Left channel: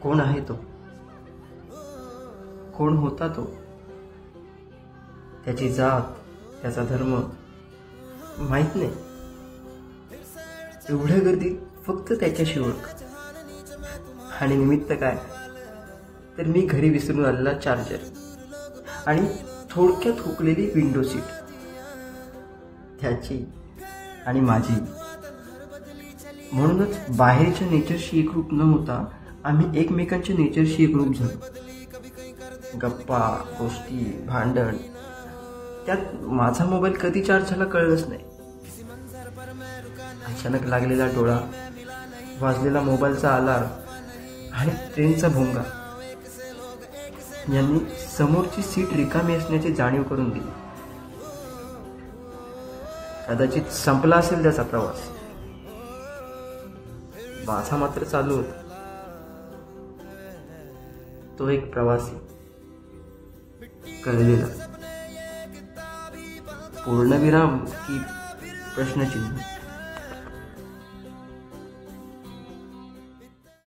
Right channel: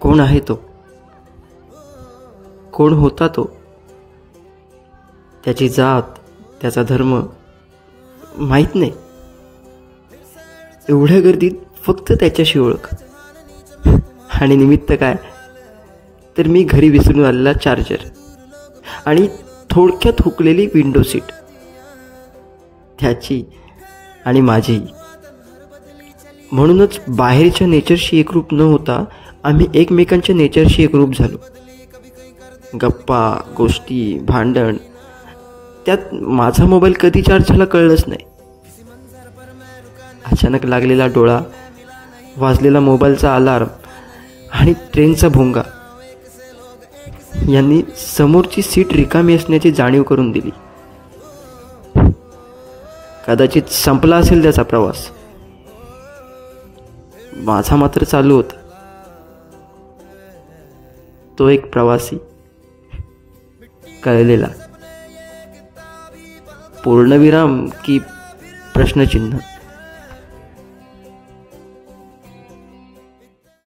कोण आहे तो? कोण होता तो? त्याची जात, त्याचा धर्म माहीत नाही. एवढ्या गर्दीत फक्त त्याच्याशी ओळख. आणि निमित्त काय, तर मी घरी विसरून आलेला चार्जर आणि थोडक्यात हुकलेली विंडो सीट, त्याची आणि माझी. म्हणूनच बाहेरच्या नेचरशी एकरूप न होता आम्ही एकमेकांच्या नेचरशी एकरूप झालो. गप्पा, गोष्टी, भांडण, त्यात माझा मोबाईल कधी चार्ज झाला कळलंच नाही. अचानक लागलेला डोळा, वाजलेला मोबाईलचा अलार्म आणि ट्रेनचा भोंगा यांनी समोरची सीट रिकामी असण्याची जाणीव करून दिली. कदाचित संपला असेल त्याचा प्रवास, माझा मात्र चालू होता. तो एक प्रवासी, कळलेला. पूर्णविराम की प्रश्नचिन्ह?